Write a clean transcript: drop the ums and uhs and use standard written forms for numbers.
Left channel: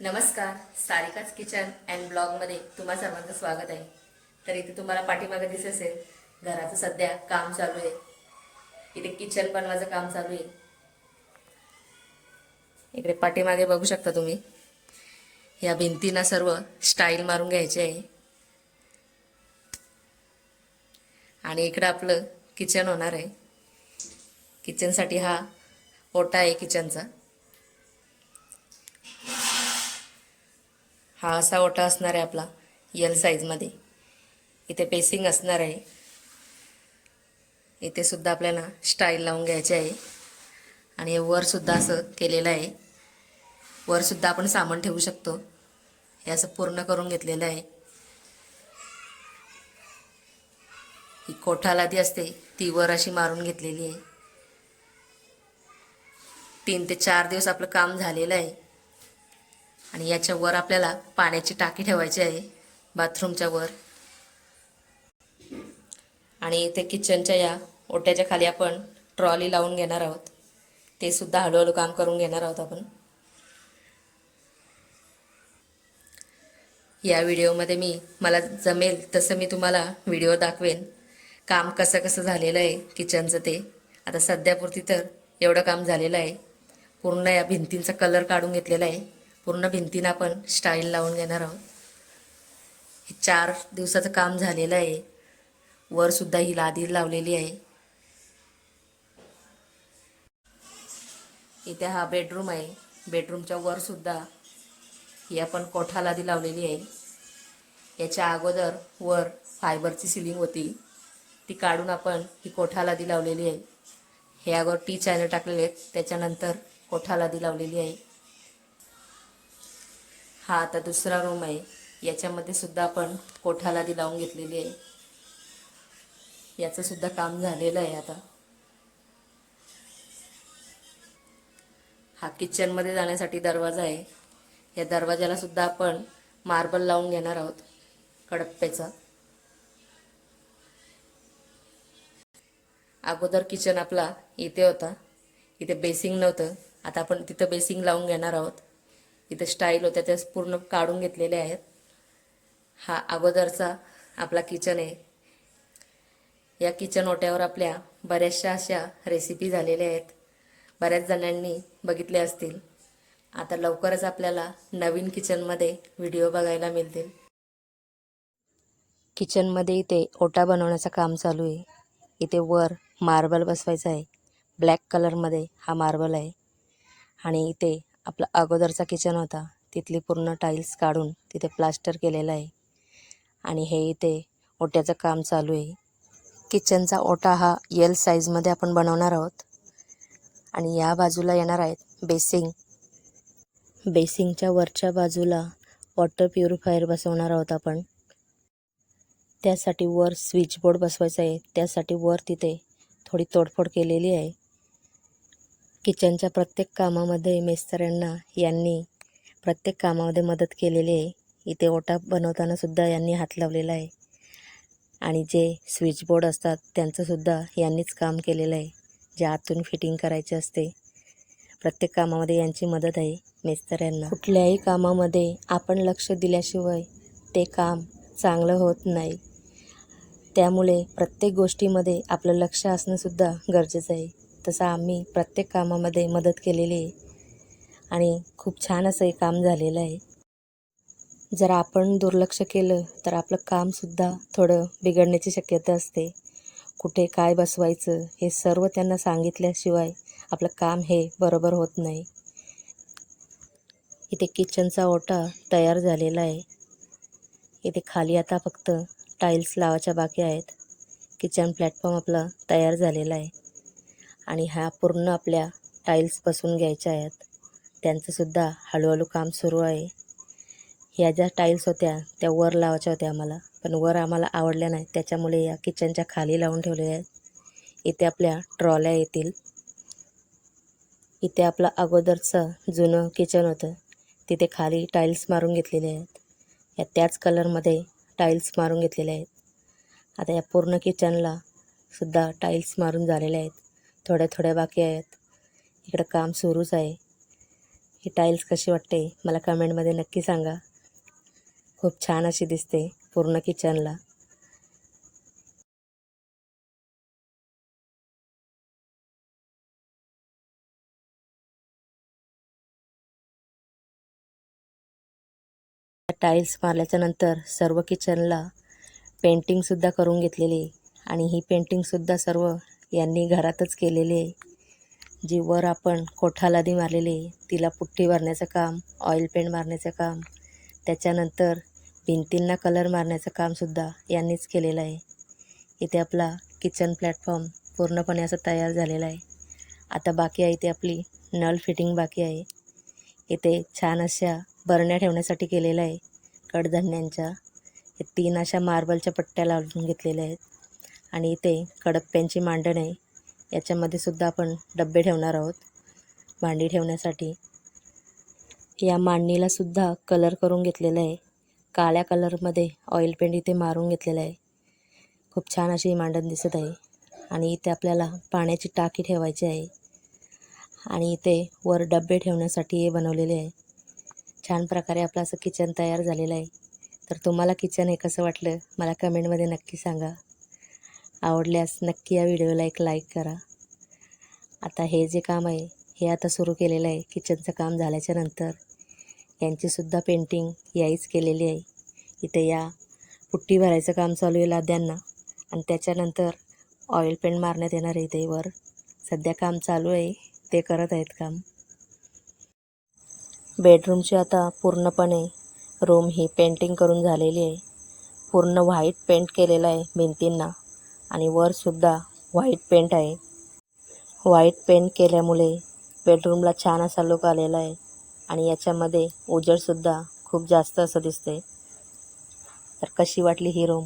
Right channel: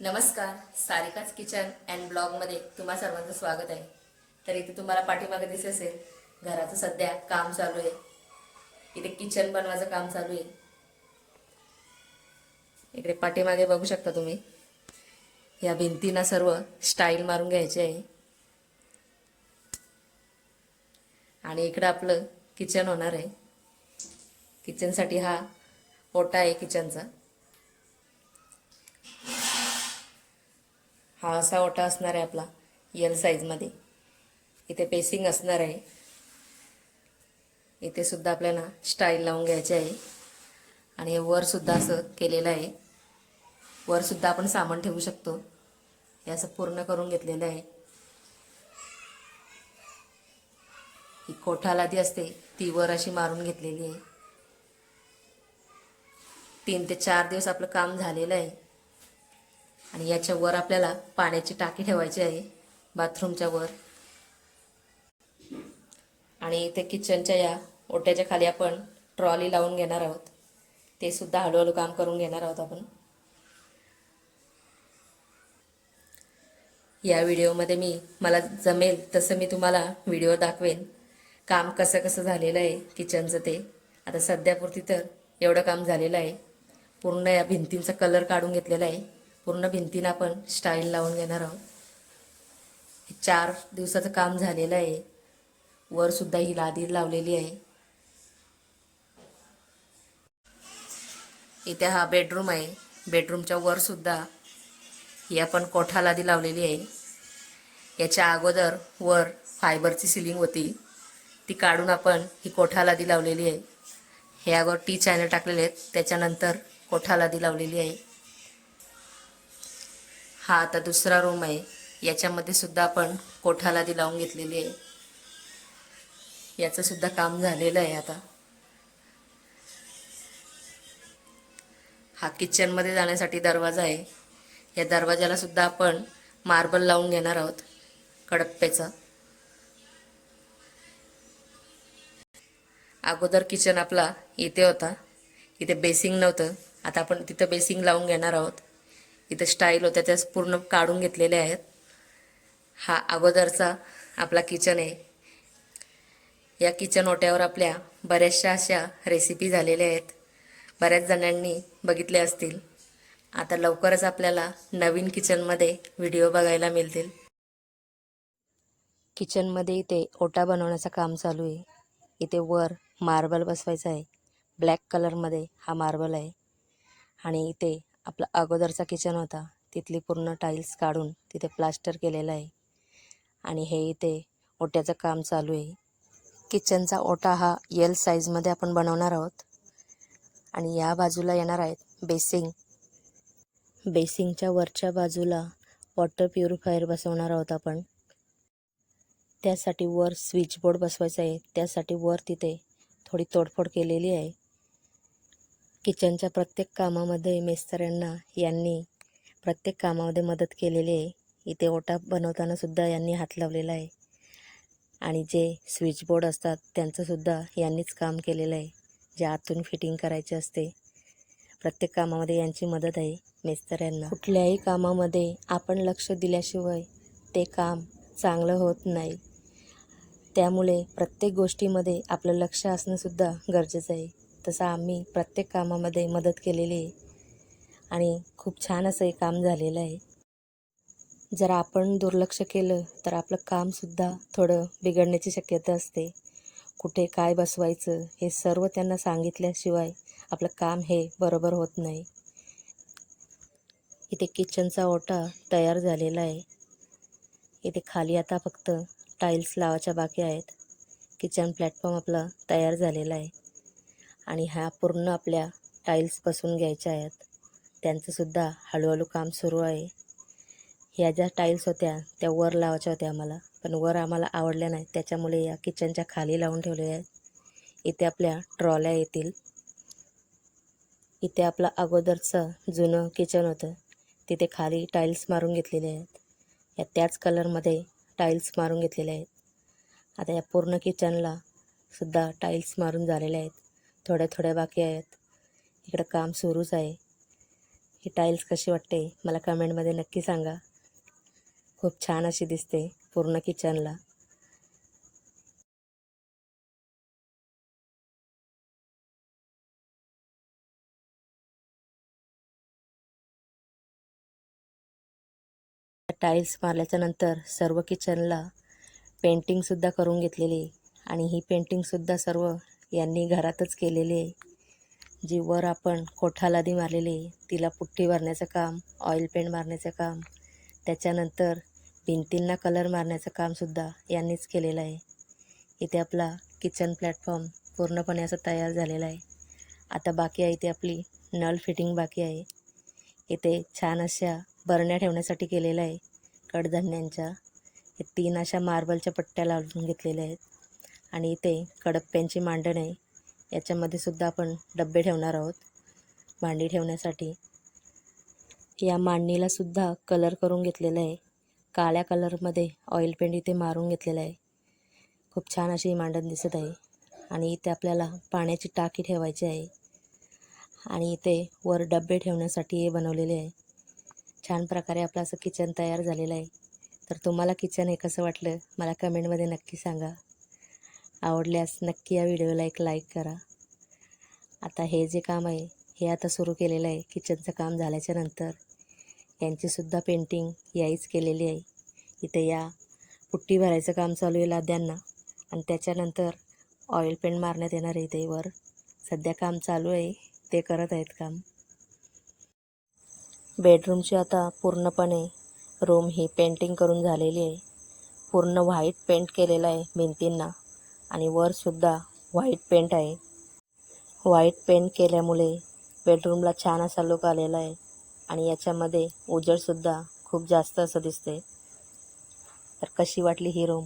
नमस्कार, सारिकाच kitchen and ब्लॉगमध्ये तुम्हा सर्वांचं स्वागत आहे. तर इथे तुम्हाला पाठीमागे दिसत असेल घराचं सध्या काम चालू आहे. इथे किचन बनवायचं काम चालू आहे. इकडे पाठीमागे बघू शकता तुम्ही. या भिंतींना सर्व स्टाईल मारून घ्यायचे आहे. आणि इकडे आपलं किचन होणार आहे. किचनसाठी हा ओटा आहे किचनचा. हा असा ओटा असणार आहे आपला एल साईजमध्ये. इथे पेसिंग असणार आहे. इथे सुद्धा आपल्याला स्टाईल लावून घ्यायची आहे. आणि हे वर सुद्धा असं केलेलं आहे. वर सुद्धा आपण सामान ठेवू शकतो. हे असं पूर्ण करून घेतलेलं आहे. ही कोठालादी असते ती वर अशी मारून घेतलेली आहे. 3 ते 4 दिवस आपलं काम झालेलं आहे. आणि याच्या वर आपल्याला पाण्याची टाकी ठेवायची आहे बाथरूमच्या वर. आणि इथे किचनच्या या ओट्याच्या खाली आपण ट्रॉली लावून घेणार आहोत. ते सुद्धा हळूहळू काम करून घेणार आहोत आपण. या व्हिडिओमध्ये मला जमेल तसं मी तुम्हाला व्हिडिओ दाखवेन. काम कसं कसं झालेलं आहे किचनचं ते. आता सध्यापुरती तर एवढं काम झालेलं आहे. पूर्ण या भिंतींचा कलर काढून घेतलेला आहे. पूर्ण भिंतींना आपण स्टाईल लावून घेणार आहोत. हे 4 दिवसाचं काम झालेलं आहे. वर सुद्धा ही लादी लावलेली आहे. इथे हा बेडरूम आहे. बेडरूमच्या वर सुद्धा ही आपण कोठा लादी लावलेली आहे. याच्या अगोदर वर फायबरची सिलिंग होती ती काढून आपण ही कोठा लादी लावलेली आहे. हे अगोदर टी चॅनल टाकलेले आहेत, त्याच्यानंतर कोठा लादी लावलेली आहे. हा आता दुसरा रूम आहे. याच्यामध्ये सुद्धा आपण कोठा लादी लावून घेतलेली आहे. याचं सुद्धा काम झालेलं आहे. आता हा किचनमध्ये जाण्यासाठी दरवाजा आहे. या दरवाजाला सुद्धा आपण मार्बल लावून घेणार आहोत कडप्प्याचा. अगोदर किचन आपला इथे होता. इथे बेसिंग नव्हतं. आता आपण तिथं बेसिंग लावून घेणार आहोत. इथं स्टाईल होत्या त्या पूर्ण काढून घेतलेल्या आहेत. हा अगोदरचा आपला किचन आहे. या किचन ओट्यावर आपल्या बऱ्याचशा अशा रेसिपी झालेल्या आहेत. बऱ्याच जणांनी बघितले असतील. आता लवकरच आपल्याला नवीन किचनमध्ये व्हिडिओ बघायला मिळतील. किचनमध्ये इथे ओटा बनवण्याचं काम चालू आहे. इथे वर मार्बल बसवायचा आहे. ब्लॅक कलरमध्ये हा मार्बल आहे. आणि इथे आपला अगोदरचा किचन होता तिथली पूर्ण टाईल्स काढून तिथे प्लास्टर केलेलं आहे. आणि हे इथे ओट्याचं काम चालू आहे. किचनचा ओटा हा एल साईजमध्ये आपण बनवणार आहोत. आणि या बाजूला येणार आहेत बेसिंग. बेसिंगच्या वरच्या बाजूला वॉटर प्युरिफायर बसवणार आहोत आपण. त्यासाठी वर स्विच बोर्ड बसवायचा आहे. त्यासाठी वर तिथे थोडी तोडफोड केलेली आहे. किचनच्या प्रत्येक कामामध्ये मिस्त्र्यांना यांनी प्रत्येक कामामध्ये मदत केलेली आहे. इथे ओटा बनवताना सुद्धा यांनी हात लावलेला आहे. आणि जे स्विच बोर्ड असतात त्यांचंसुद्धा यांनीच काम केलेलं आहे. जे आतून फिटिंग करायचे असते प्रत्येक कामामध्ये यांची मदत आहे मिस्त्र्यांना. कुठल्याही कामामध्ये आपण लक्ष दिल्याशिवाय ते काम चांगलं होत नाही. त्यामुळे प्रत्येक गोष्टीमध्ये आपलं लक्ष असणंसुद्धा गरजेचं आहे. तसं आम्ही प्रत्येक कामामध्ये मदत केलेली आहे. आणि खूप छान असं हे काम झालेलं आहे. जर आपण दुर्लक्ष केलं तर आपलं कामसुद्धा थोडं बिघडण्याची शक्यता असते. कुठे काय बसवायचं हे सर्व त्यांना सांगितल्याशिवाय आपलं काम हे बरोबर होत नाही. इथे किचनचा ओटा तयार झालेला आहे. इथे खाली आता फक्त टाईल्स लावायच्या बाकी आहेत. किचन प्लॅटफॉर्म आपला तयार झालेला आहे. आणि हा पूर्ण आपल्या टाईल्स बसवून घ्यायच्या आहेत. त्यांचंसुद्धा हळूहळू काम सुरू आहे. ह्या ज्या टाईल्स होत्या त्या वर लावायच्या होत्या आम्हाला, पण वर आम्हाला आवडल्या नाही. त्याच्यामुळे या किचनच्या खाली लावून ठेवलेल्या आहेत. इथे आपल्या ट्रॉल्या येतील. इथे आपलं अगोदरचं जुनं किचन होतं तिथे खाली टाईल्स मारून घेतलेले आहेत. या त्याच कलरमध्ये टाईल्स मारून घेतलेले आहेत. आता या पूर्ण किचनला सुद्धा टाईल्स मारून झालेले आहेत. थोड्या थोड्या बाकी आहेत. इकडं काम सुरूच आहे. ही टाईल्स कशी वाटते मला कमेंटमध्ये नक्की सांगा. खूप छान अशी दिसते पूर्ण किचनला. टाईल्स मारल्याच्या नंतर सर्व किचनला पेंटिंगसुद्धा करून घेतलेली आहे. आणि ही पेंटिंगसुद्धा सर्व यांनी घरातच केलेली आहे. जी वर आपण कोठालादी मारलेली आहे तिला पुट्टी भरण्याचं काम, ऑइल पेंट मारण्याचं काम, त्याच्यानंतर भिंतींना कलर मारण्याचं कामसुद्धा यांनीच केलेलं आहे. इथे आपला किचन प्लॅटफॉर्म पूर्णपणे असं तयार झालेला आहे. आता बाकी आहे ते आपली नळ फिटिंग बाकी आहे. इथे छान अशा बरण्या ठेवण्यासाठी केलेल्या आहे कडधान्यांच्या. 3 अशा मार्बलच्या पट्ट्या लावून घेतलेल्या आहेत. आणि इथे कडप्प्यांची मांडण आहे. याच्यामध्ये सुद्धा आपण डब्बे ठेवणार आहोत भांडी ठेवण्यासाठी. या मांडणीला सुद्धा कलर करून घेतलेला आहे. काळ्या कलरमध्ये ऑइल पेंट इथे मारून घेतलेला आहे. खूप छान अशी मांडण दिसत आहे. आणि इथे आपल्याला पाण्याची टाकी ठेवायची आहे. आणि इथे वर डब्बे ठेवण्यासाठी हे बनवलेले आहे. छान प्रकारे आपलं असं किचन तयार झालेलं आहे. तर तुम्हाला किचन हे कसं वाटलं मला कमेंटमध्ये नक्की सांगा. आवडल्यास नक्की या व्हिडिओला एक लाईक करा. आता हे जे काम आहे हे आता सुरू केलेलं आहे. किचनचं काम झाल्याच्या नंतर यांचीसुद्धा पेंटिंग याहीच केलेली आहे. इथे या पुट्टी भरायचं काम चालू आहे लाद्यांना. आणि त्याच्यानंतर ऑइल पेंट मारण्यात येणार आहे. इथे वर सध्या काम चालू आहे, ते करत आहेत काम. बेडरूमची आता पूर्णपणे रूम ही पेंटिंग करून झालेली आहे. पूर्ण व्हाईट पेंट केलेला आहे भिंतींना. आणि वरसुद्धा व्हाईट पेंट आहे. व्हाईट पेंट केल्यामुळे बेडरूमला छान असा लुक आलेला आहे. आणि याच्यामध्ये उजेडसुद्धा खूप जास्त असं दिसते. तर कशी वाटली ही रूम